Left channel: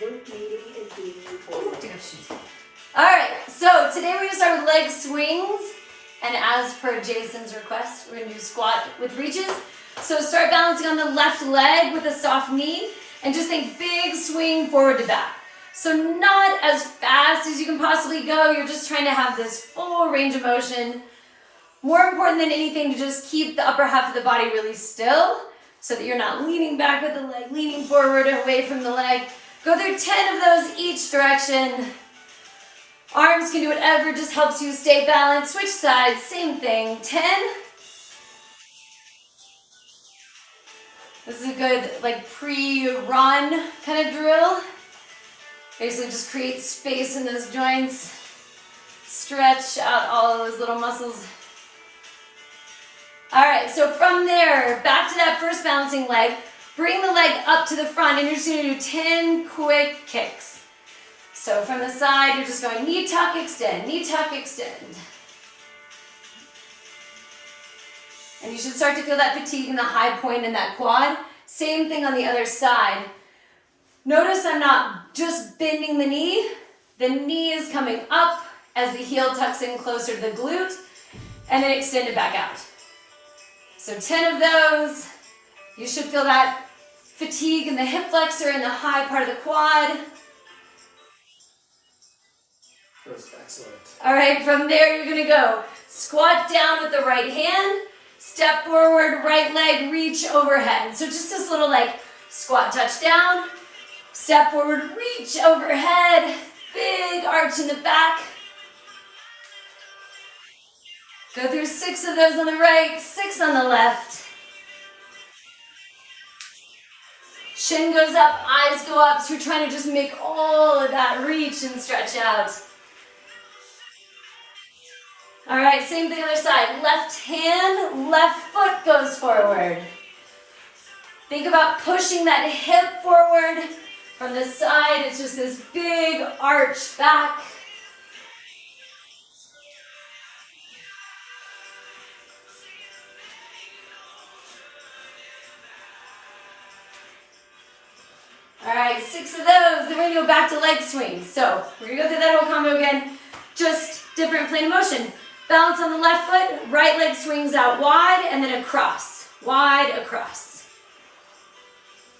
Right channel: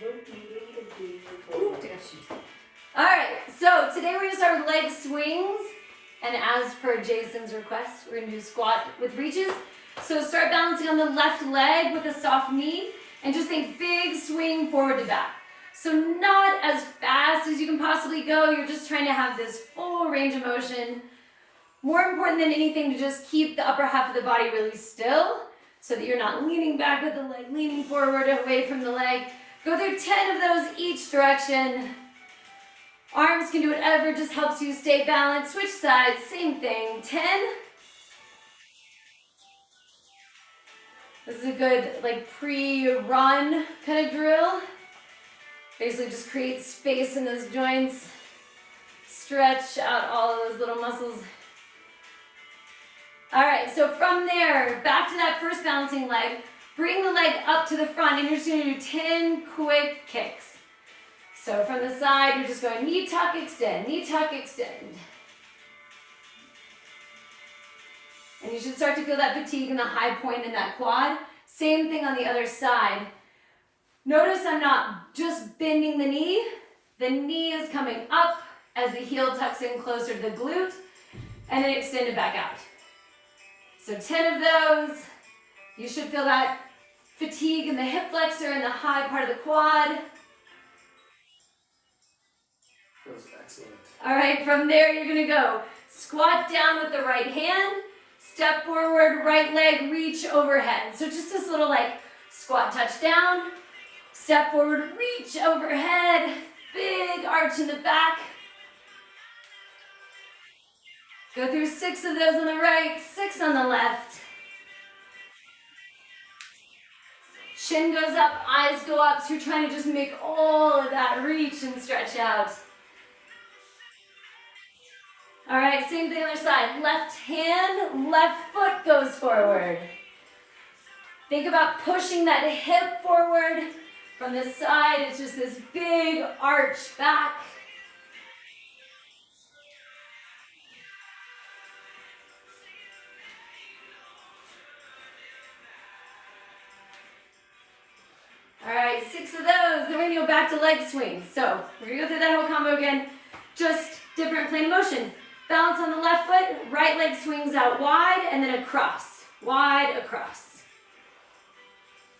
Ooh, take off shoes. All right, so today we're gonna start with leg swings. And as per Jason's request, we're gonna do squat with reaches. So start balancing on the left leg with a soft knee and just think big swing forward to back. So not as fast as you can possibly go, you're just trying to have this full range of motion. More important than anything to just keep the upper half of the body really still so that you're not leaning back with the leg, leaning forward away from the leg. Go through 10 of those each direction. Arms can do whatever just helps you stay balanced. Switch sides, same thing, 10. This is a good like pre-run kind of drill. Basically just create space in those joints. Stretch out all of those little muscles. All right, so from there, back to that first balancing leg. Bring the leg up to the front and you're just gonna do 10 quick kicks. So from the side, you're just going knee tuck, extend, knee tuck, extend. And you should start to feel that fatigue in the high point in that quad. Same thing on the other side. Notice I'm not just bending the knee. The knee is coming up as the heel tucks in closer to the glute and then extend it back out. So 10 of those. You should feel that fatigue in the hip flexor and the high part of the quad. Excellent. All right, from there you're gonna go squat down with the right hand, step forward, right leg, reach overhead. So just this little like squat touch down, step forward, reach overhead, big arch in the back. Go through 6 of those on the right, 6 on the left. Shin goes up, eyes go up, so you're trying to just make all of that reach and stretch out. All right, same thing on the other side. Left hand, left foot goes forward. Think about pushing that hip forward. From the side, it's just this big arch back. All right, 6 of those. Then we're gonna go back to leg swings. So we're gonna go through that whole combo again, just different plane of motion. Balance on the left foot, right leg swings out wide and then across, wide across.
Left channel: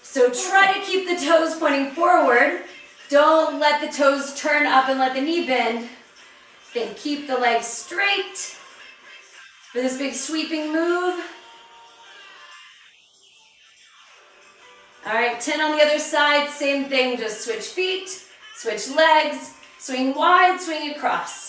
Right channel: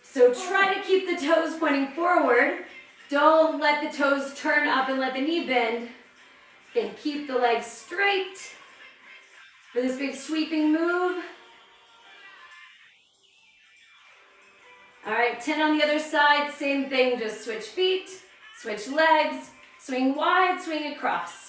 So try to keep the toes pointing forward. Don't let the toes turn up and let the knee bend. Then keep the legs straight for this big sweeping move. All right, 10 on the other side, same thing, just switch feet, switch legs, swing wide, swing across.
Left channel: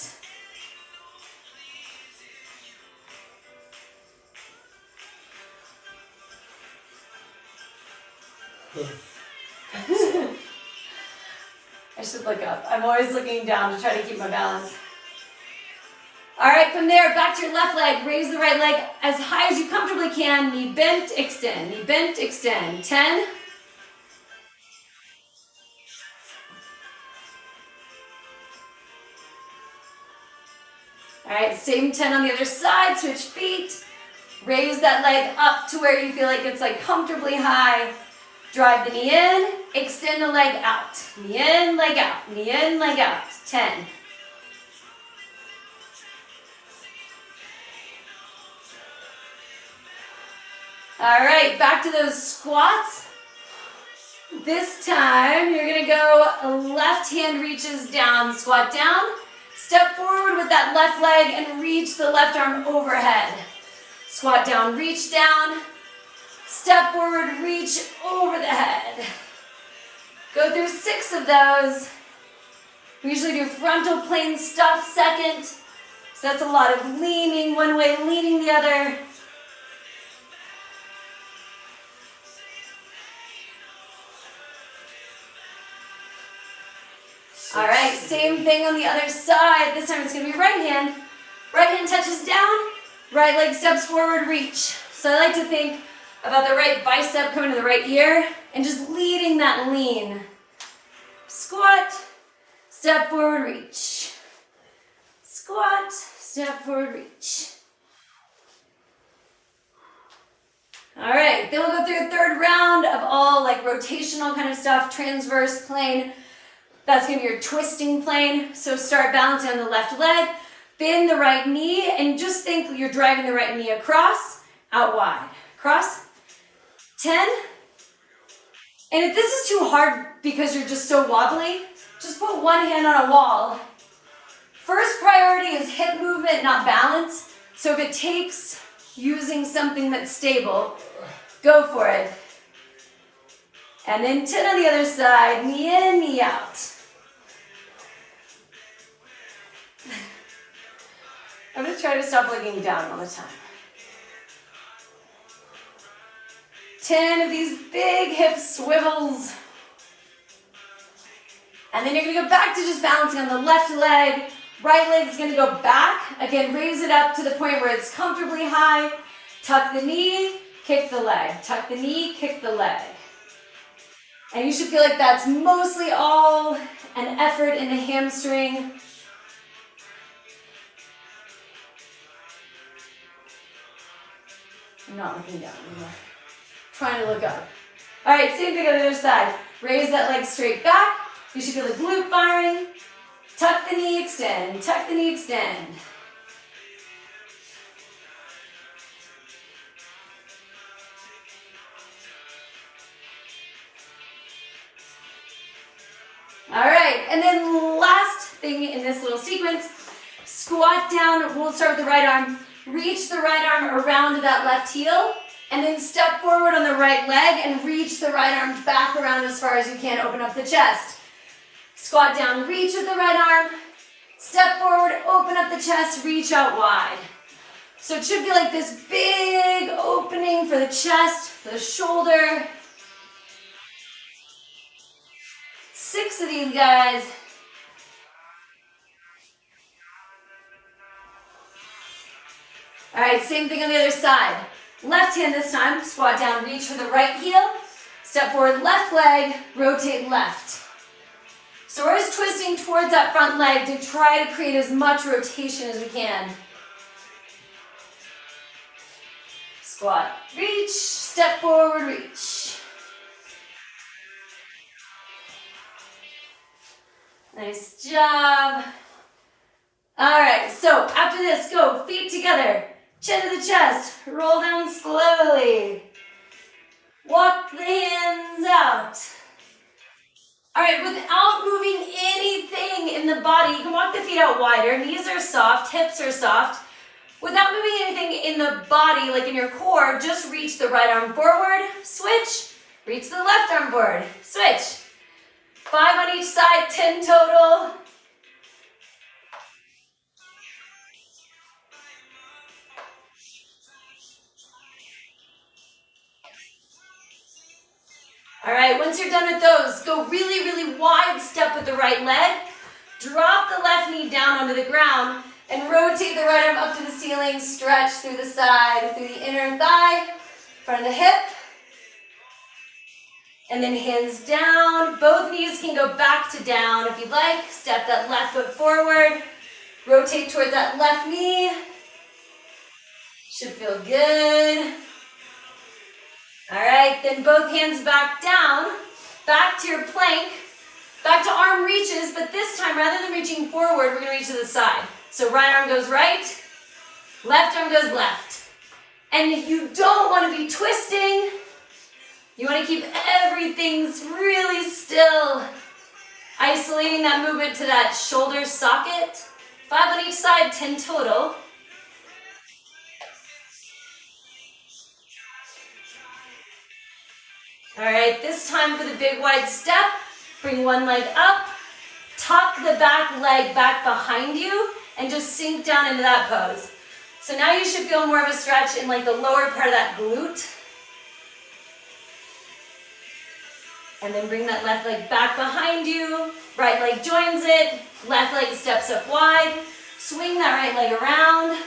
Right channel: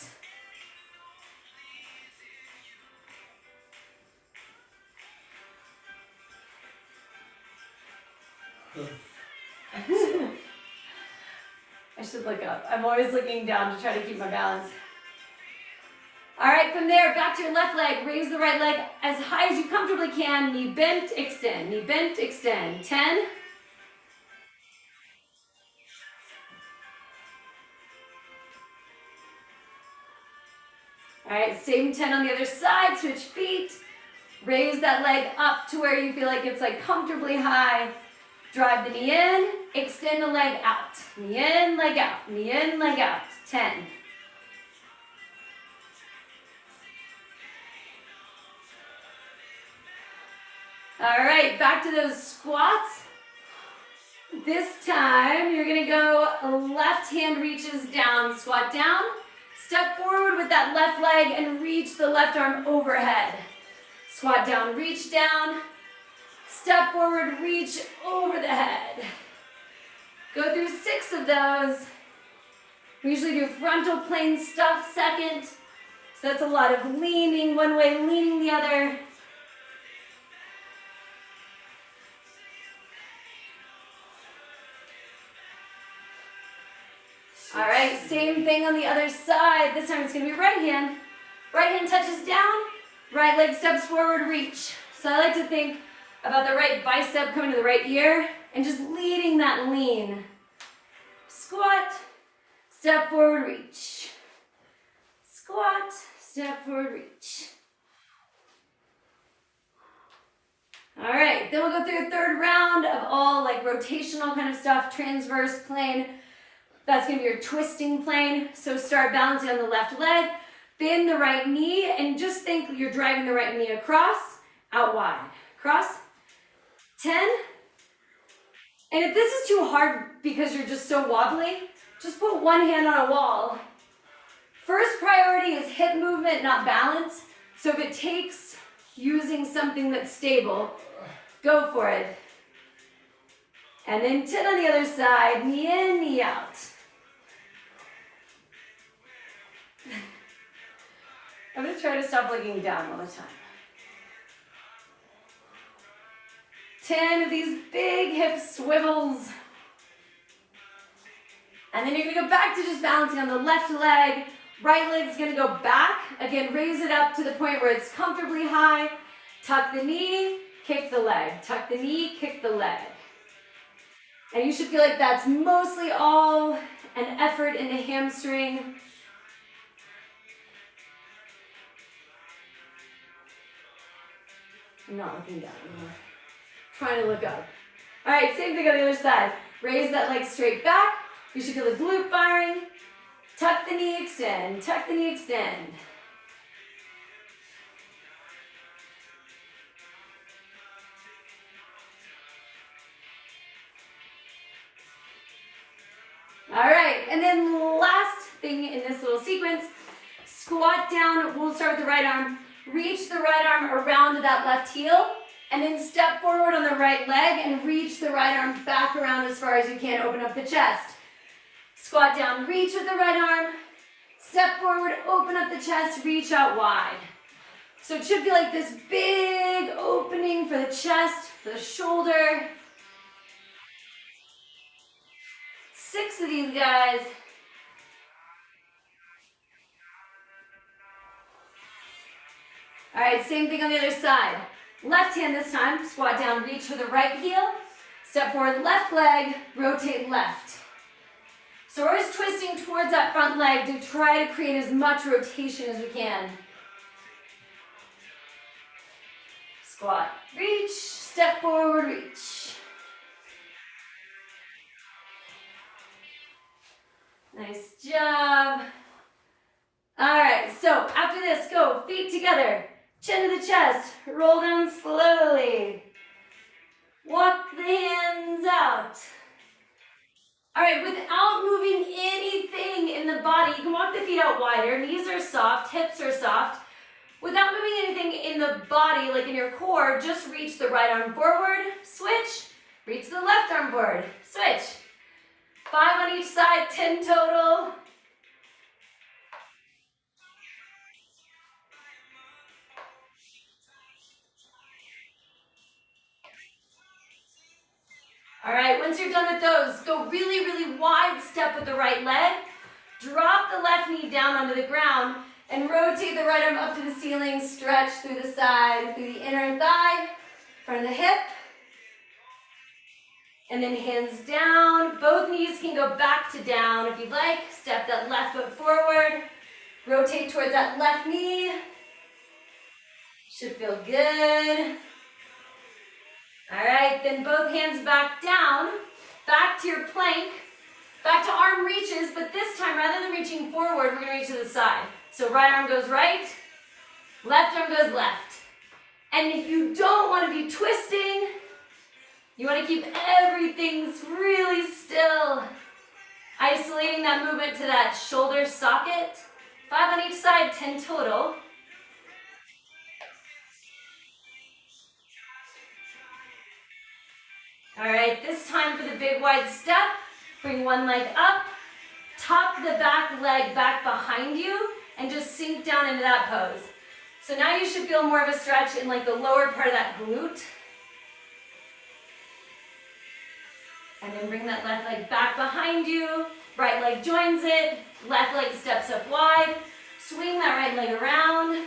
I should look up. I'm always looking down to try to keep my balance. All right, from there, back to your left leg. Raise the right leg as high as you comfortably can. Knee bent, extend. Knee bent, extend. 10. All right, same 10 on the other side. Switch feet. Raise that leg up to where you feel like it's like comfortably high. Drive the knee in, extend the leg out. Knee in, leg out. Knee in, leg out. 10. All right, back to those squats. This time, you're gonna go left hand reaches down, squat down. Step forward with that left leg and reach the left arm overhead. Squat down, reach down. Step forward, reach over the head. Go through 6 of those. We usually do frontal plane stuff second. So that's a lot of leaning one way, leaning the other. All right, same thing on the other side. This time it's gonna be right hand. Right hand touches down, right leg steps forward, reach. So I like to think about the right bicep coming to the right ear and just leading that lean. Squat, step forward, reach. Squat, step forward, reach. All right, then we'll go through a third round of all like rotational kind of stuff, transverse plane. That's gonna be your twisting plane. So start balancing on the left leg, bend the right knee, and just think you're driving the right knee across, out wide. Cross. 10. And if this is too hard because you're just so wobbly, just put one hand on a wall. First priority is hip movement, not balance. So if it takes using something that's stable, go for it. And then 10 on the other side, knee in, knee out. I'm gonna try to stop looking down all the time. 10 of these big hip swivels. And then you're gonna go back to just balancing on the left leg. Right leg's gonna go back. Again, raise it up to the point where it's comfortably high. Tuck the knee, kick the leg. Tuck the knee, kick the leg. And you should feel like that's mostly all an effort in the hamstring. I'm not looking down anymore. Trying to look up. All right, same thing on the other side. Raise that leg straight back. You should feel the glute firing. Tuck the knee, extend. Tuck the knee, extend. All right, and then last thing in this little sequence, squat down. We'll start with the right arm. Reach the right arm around that left heel, and then step forward on the right leg and reach the right arm back around as far as you can. Open up the chest. Squat down, reach with the right arm. Step forward, open up the chest, reach out wide. So it should feel like this big opening for the chest, for the shoulder. 6 of these guys. All right, same thing on the other side. Left hand this time, squat down, reach for the right heel. Step forward, left leg, rotate left. So we're just twisting towards that front leg to try to create as much rotation as we can. Squat, reach, step forward, reach. Nice job. All right, so after this, go feet together, chin to the chest, roll down slowly. Walk the hands out. All right, without moving anything in the body, you can walk the feet out wider, knees are soft, hips are soft. Without moving anything in the body, like in your core, just reach the right arm forward, switch, reach the left arm forward, switch. 5 on each side, 10 total. All right, once you're done with those, go really, really wide step with the right leg. Drop the left knee down onto the ground and rotate the right arm up to the ceiling. Stretch through the side, through the inner thigh, front of the hip. And then hands down. Both knees can go back to down if you'd like. Step that left foot forward. Rotate towards that left knee. Should feel good. All right, then both hands back down, back to your plank, back to arm reaches, but this time, rather than reaching forward, we're gonna reach to the side. So right arm goes right, left arm goes left. And you don't wanna be twisting. You wanna keep everything really still. Isolating that movement to that shoulder socket. 5 on each side, 10 total. All right, this time for the big wide step, bring one leg up, tuck the back leg back behind you, and just sink down into that pose. So now you should feel more of a stretch in like the lower part of that glute. And then bring that left leg back behind you, right leg joins it, left leg steps up wide, swing that right leg around.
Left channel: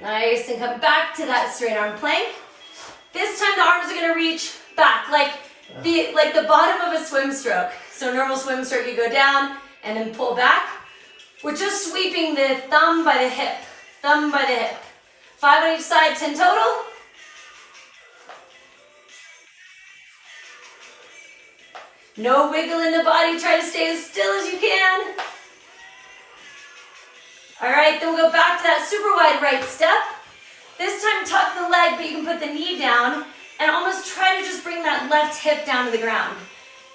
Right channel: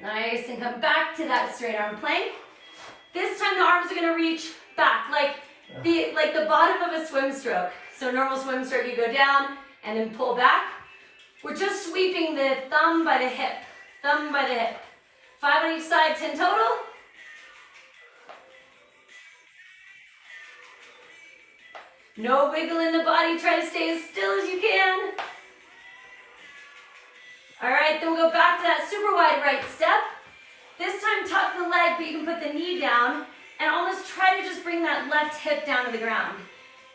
Nice, and come back to that straight arm plank. This time the arms are gonna reach back, like the bottom of a swim stroke. So normal swim stroke, you go down and then pull back. We're just sweeping the thumb by the hip, thumb by the hip. 5 on each side, 10 total. No wiggle in the body. Try to stay as still as you can. All right, then we'll go back to that super wide right step. This time tuck the leg, but you can put the knee down and almost try to just bring that left hip down to the ground.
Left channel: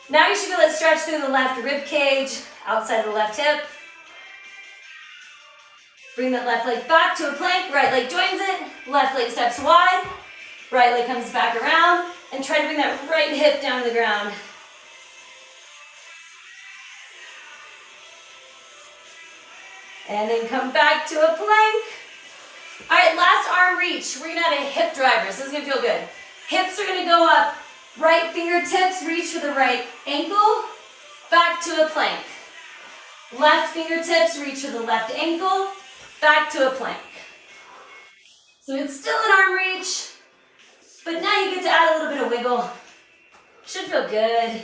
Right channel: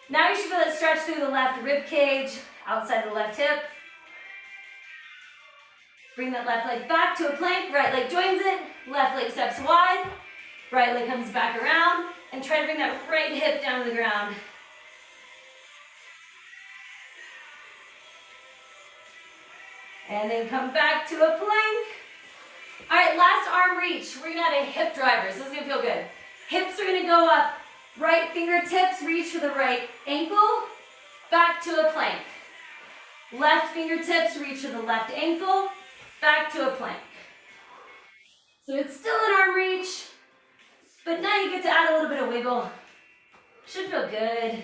Now you should feel it stretch through the left rib cage, outside of the left hip. Bring that left leg back to a plank, right leg joins it, left leg steps wide, right leg comes back around, and try to bring that right hip down to the ground. And then come back to a plank. All right, last arm reach. We're gonna add a hip driver, so this is gonna feel good. Hips are gonna go up, right fingertips reach for the right ankle, back to a plank. Left fingertips reach for the left ankle, back to a plank. So it's still an arm reach, but now you get to add a little bit of wiggle. Should feel good.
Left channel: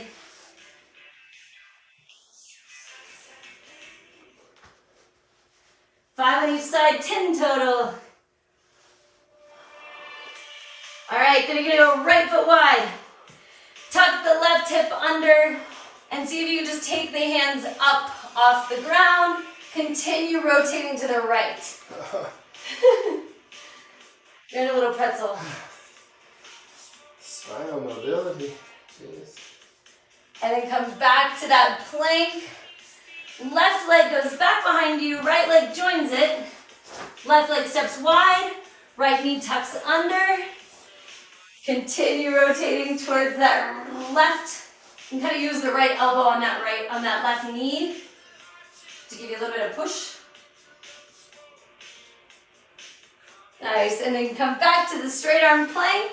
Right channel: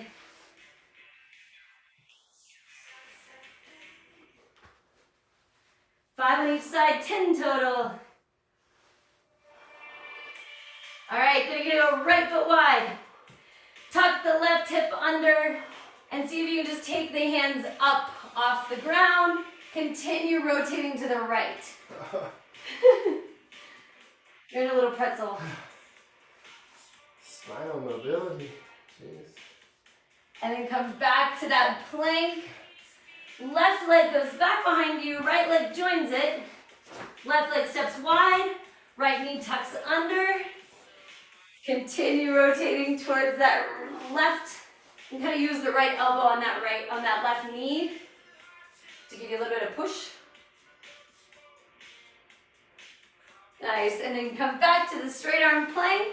Five on each side, 10 total. All right, then you're gonna go right foot wide. Tuck the left hip under and see if you can just take the hands up off the ground. Continue rotating to the right. You're in a little pretzel. Smile mobility. Jeez. And then come back to that plank. Left leg goes back behind you, right leg joins it. Left leg steps wide, right knee tucks under. Continue rotating towards that left. You kind of use the right elbow on that left knee to give you a little bit of push. Nice, and then come back to the straight arm plank.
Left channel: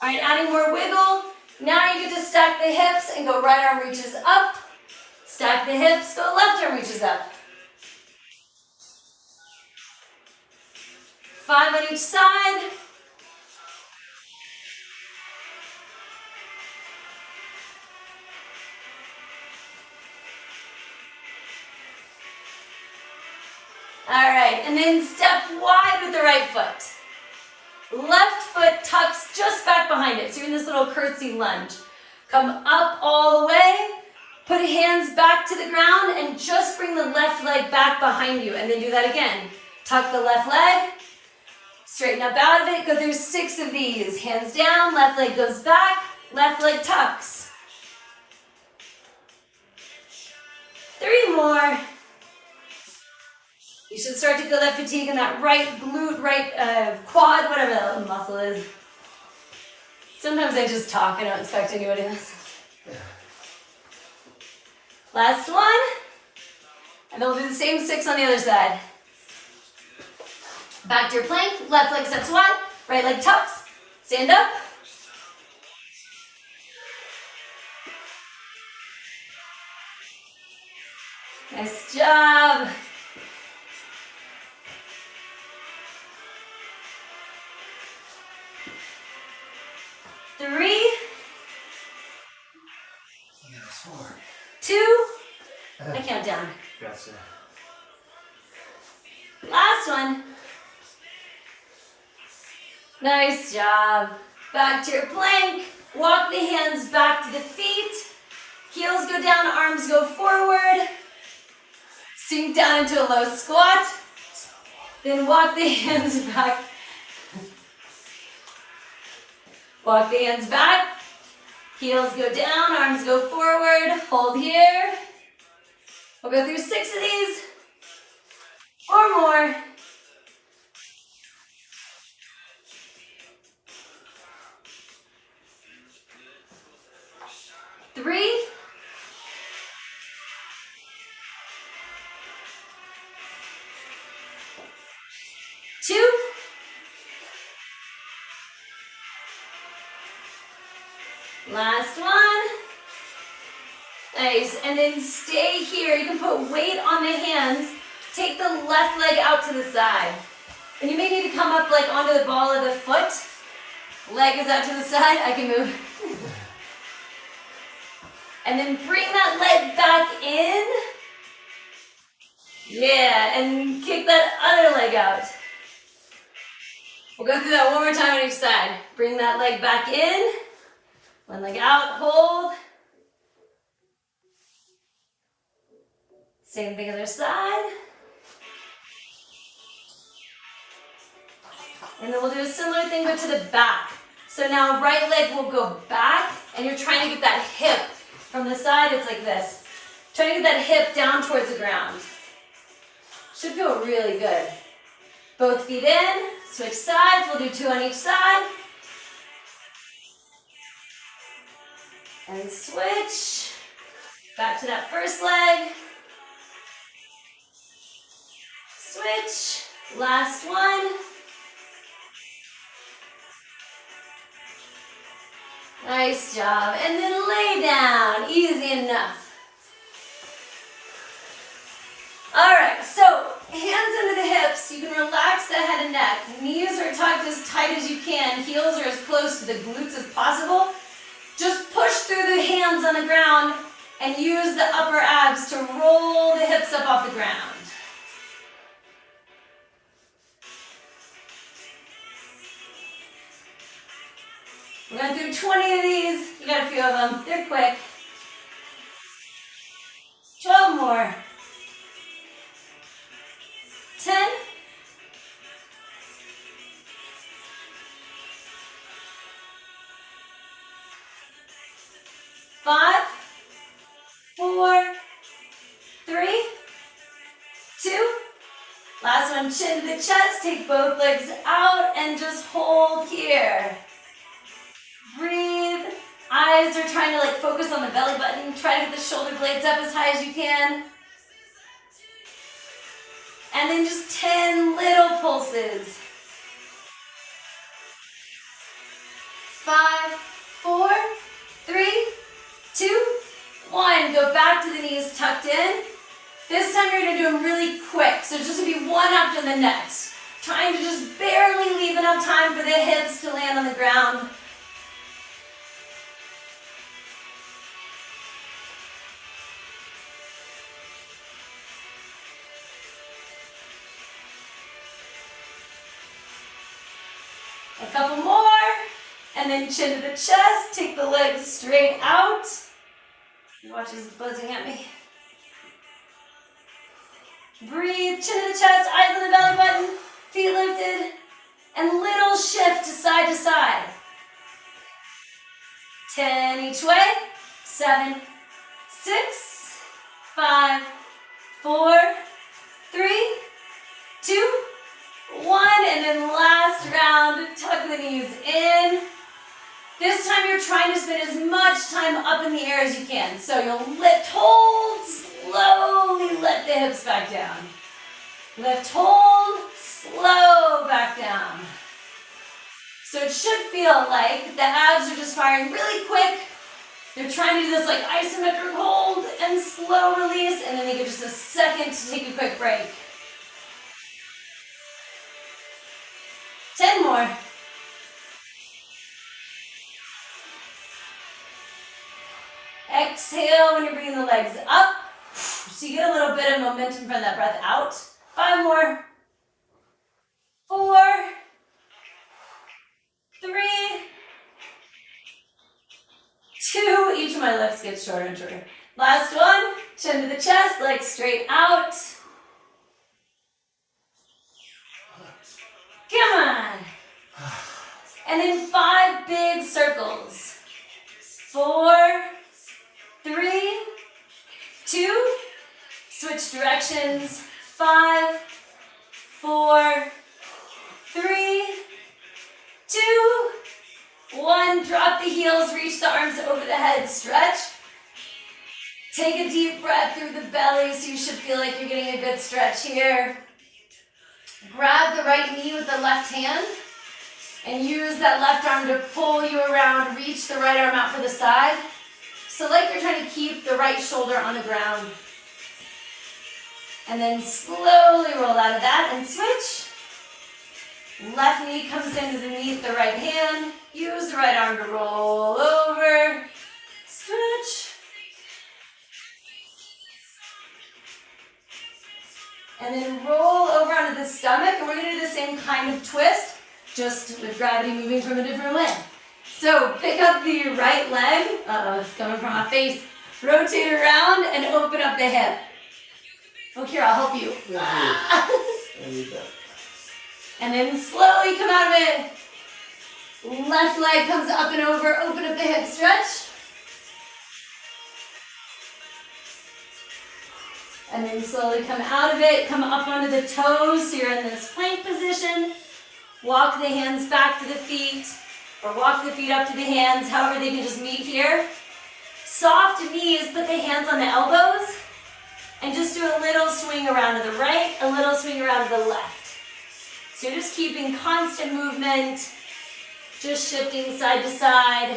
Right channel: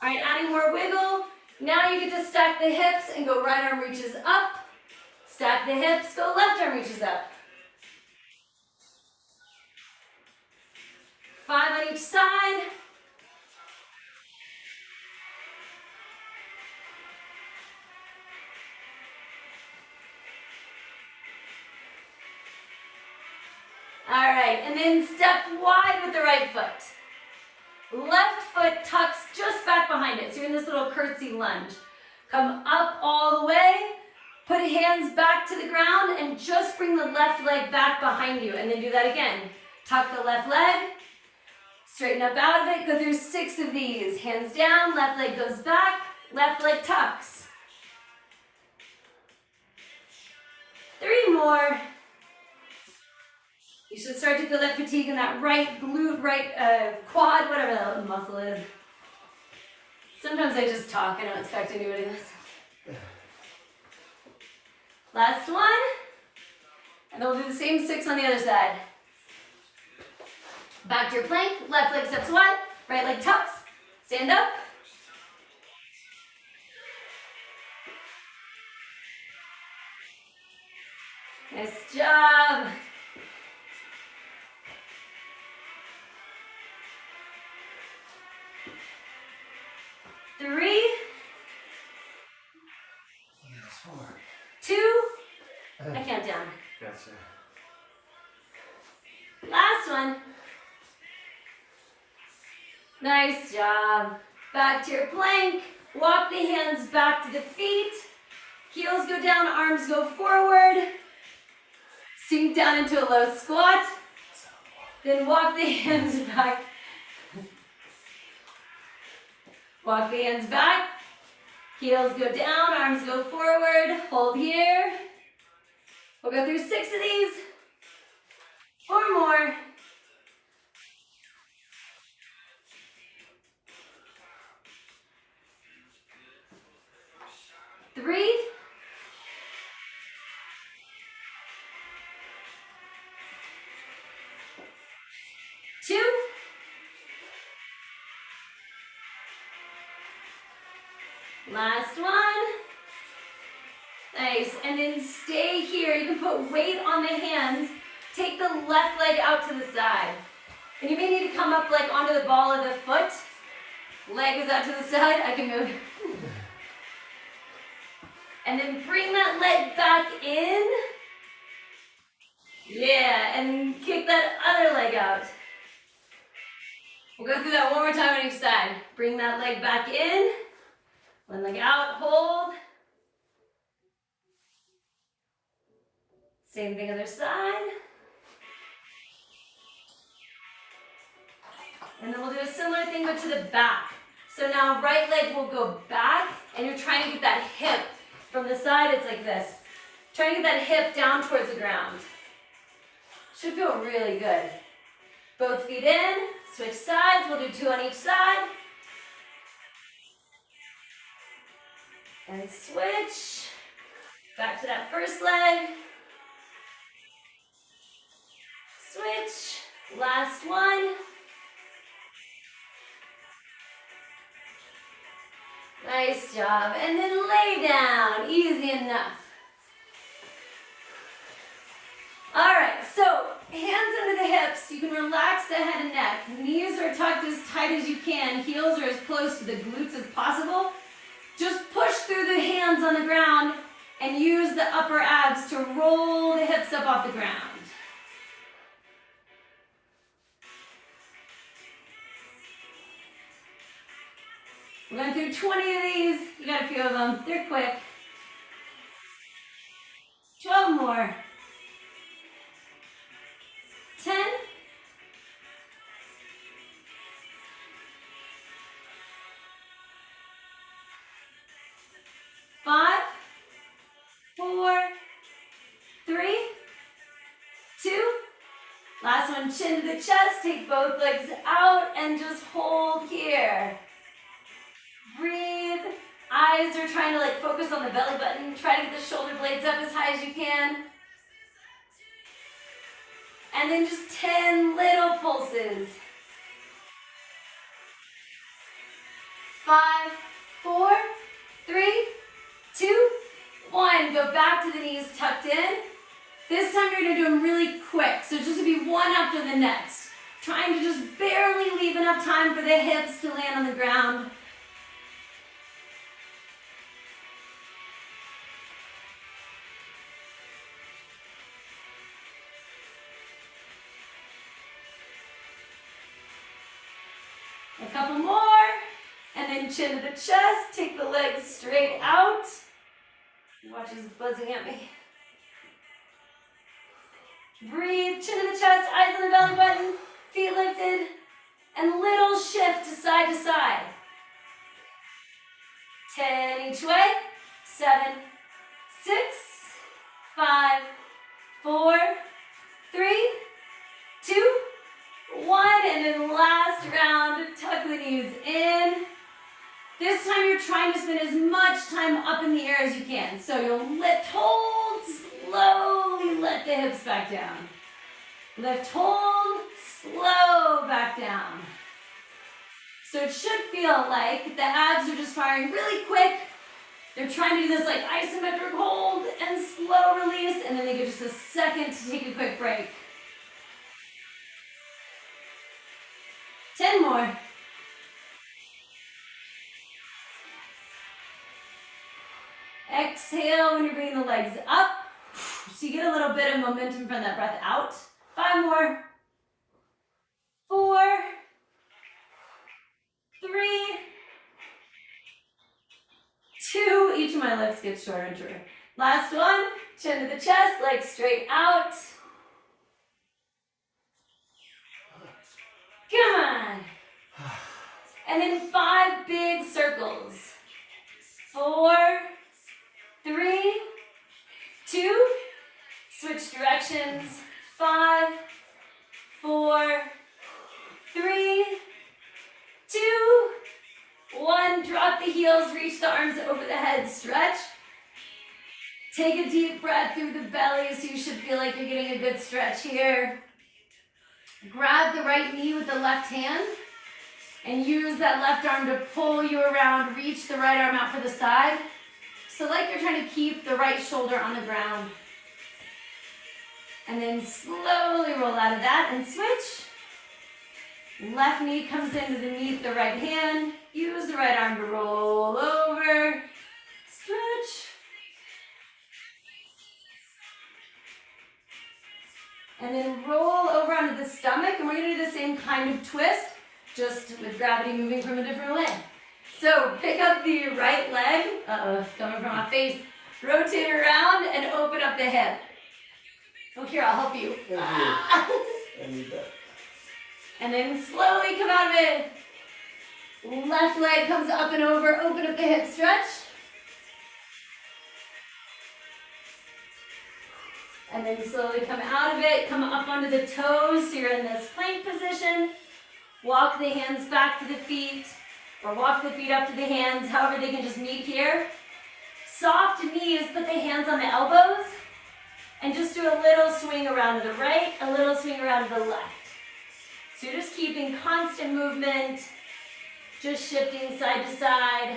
All right, adding more wiggle. Now you get to stack the hips and go right arm reaches up. Stack the hips, go left arm reaches up. 5 on each side. All right, and then step wide with the right foot. Left foot tucks just back behind it. So you're in this little curtsy lunge. Come up all the way. Put hands back to the ground and just bring the left leg back behind you. And then do that again. Tuck the left leg. Straighten up out of it. Go through 6 of these. Hands down, left leg goes back. Left leg tucks. 3 more. You should start to feel that fatigue in that right glute, right quad, whatever that muscle is. Sometimes I just talk, I don't expect anybody to listen. Last one. And then we'll do the same 6 on the other side. Back to your plank, left leg steps wide, right leg tucks. Stand up. Nice job. Three, 2, I count down. Gotcha. Last one. Nice job. Back to your plank. Walk the hands back to the feet. Heels go down, arms go forward. Sink down into a low squat. Then walk the hands back. Walk the hands back. Heels go down, arms go forward. Hold here. We'll go through 6 of these or more. 3, 2, last one. Nice, and then stay here. You can put weight on the hands. Take the left leg out to the side. And you may need to come up like onto the ball of the foot. Leg is out to the side, I can move. And then bring that leg back in. Yeah, and kick that other leg out. We'll go through that one more time on each side. Bring that leg back in. One leg out, hold. Same thing other side. And then we'll do a similar thing, but to the back. So now right leg will go back, and you're trying to get that hip from the side. It's like this. Trying to get that hip down towards the ground. Should feel really good. Both feet in, switch sides. We'll do 2 on each side. And switch. Back to that first leg. Switch. Last one. Nice job. And then lay down. Easy enough. All right, so hands under the hips. You can relax the head and neck. Knees are tucked as tight as you can. Heels are as close to the glutes as possible. Just push through the hands on the ground and use the upper abs to roll the hips up off the ground. We're going to do 20 of these. You got a few of them. They're quick. 12 more. 10. 5, 4, 3, 2. Last one, chin to the chest. Take both legs out and just hold here. Breathe. Eyes are trying to focus on the belly button. Try to get the shoulder blades up as high as you can. And then just 10 little pulses. 5, 4, 3, 2, 1. Go back to the knees tucked in. This time you're going to do them really quick. So just to be one after the next. Trying to just barely leave enough time for the hips to land on the ground. A couple more, and then chin to the chest, take the legs straight out. Watch this buzzing at me. Breathe, chin to the chest, eyes on the belly button, feet lifted, and little shift to side. 10 each way, 7, 6, 5, 4, 3, 2, 1, and then last round, tuck the knees in. This time you're trying to spend as much time up in the air as you can. So you'll lift, hold, slowly let the hips back down. Lift, hold, slow back down. So it should feel like the abs are just firing really quick. They're trying to do this isometric hold and slow release, and then they give just a second to take a quick break. 10 more. Exhale when you're bringing the legs up. So you get a little bit of momentum from that breath out. 5 more. 4, 3, 2. Each of my lifts gets shorter and shorter. Last one. Chin to the chest, legs straight out. Come on. And then 5 big circles. 4, 3, 2. Switch directions. 5, 4, 3, 2, 1. Drop the heels, reach the arms over the head, stretch. Take a deep breath through the belly so you should feel like you're getting a good stretch here. Grab the right knee with the left hand and use that left arm to pull you around. Reach the right arm out for the side. So like you're trying to keep the right shoulder on the ground. And then slowly roll out of that and switch. Left knee comes in underneath the right hand. Use the right arm to roll over. Stretch. And then roll over onto the stomach, and we're going to do the same kind of twist, just with gravity moving from a different way. So pick up the right leg. Uh-oh, it's coming from my face. Rotate around and open up the hip. Oh, here, I'll help you. Thank you. I need that. And then slowly come out of it. Left leg comes up and over. Open up the hip stretch. And then slowly come out of it. Come up onto the toes so you're in this plank position. Walk the hands back to the feet. Or walk the feet up to the hands. However, they can just meet here. Soft knees, put the hands on the elbows. And just do a little swing around to the right, a little swing around to the left. So you're just keeping constant movement, just shifting side to side.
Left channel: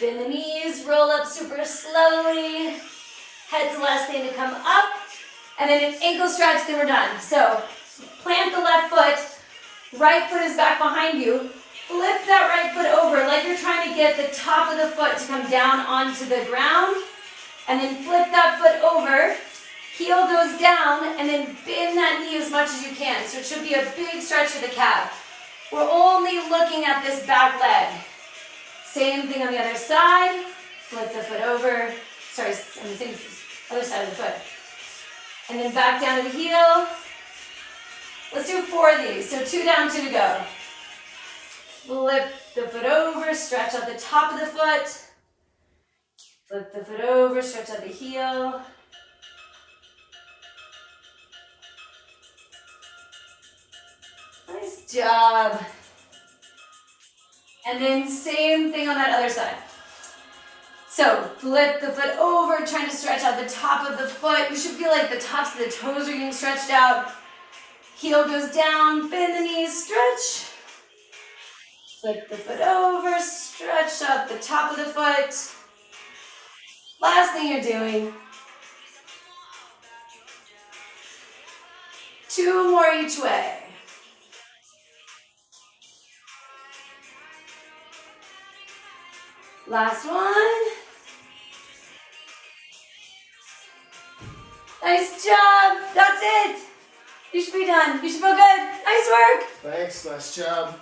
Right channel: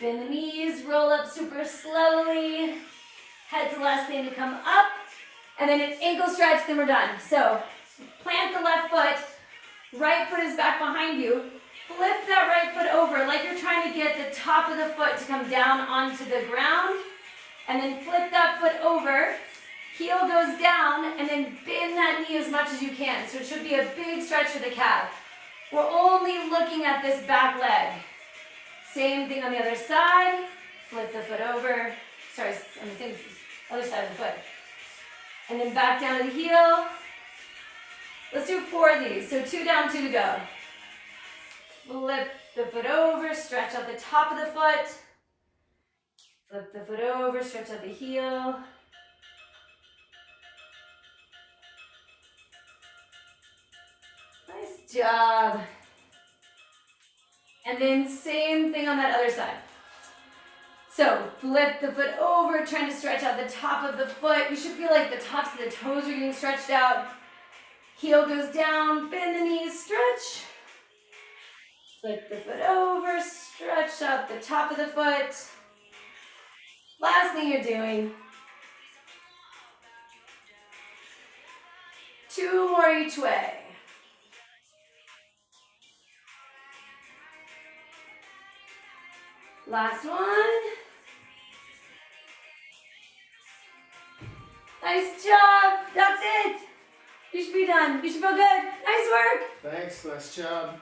Bend the knees, roll up super slowly. Head's the last thing to come up. And then an ankle stretch, then we're done. So plant the left foot, right foot is back behind you. Flip that right foot over like you're trying to get the top of the foot to come down onto the ground. And then flip that foot over. Heel goes down and then bend that knee as much as you can. So it should be a big stretch for the calf. We're only looking at this back leg. Same thing on the other side. Flip the foot over. Sorry, on the same other side of the foot. And then back down to the heel. Let's do 4 of these. So 2 down, 2 to go. Flip the foot over, stretch out the top of the foot. Flip the foot over, stretch out the heel. Nice job. And then same thing on that other side. So flip the foot over, trying to stretch out the top of the foot. You should feel like the tops of the toes are getting stretched out. Heel goes down, bend the knees, stretch. Flip the foot over, stretch out the top of the foot. Last thing you're doing. 2 more each way. Last one. Nice job. That's it. You should be done. You should feel good. Nice work. Thanks, nice job.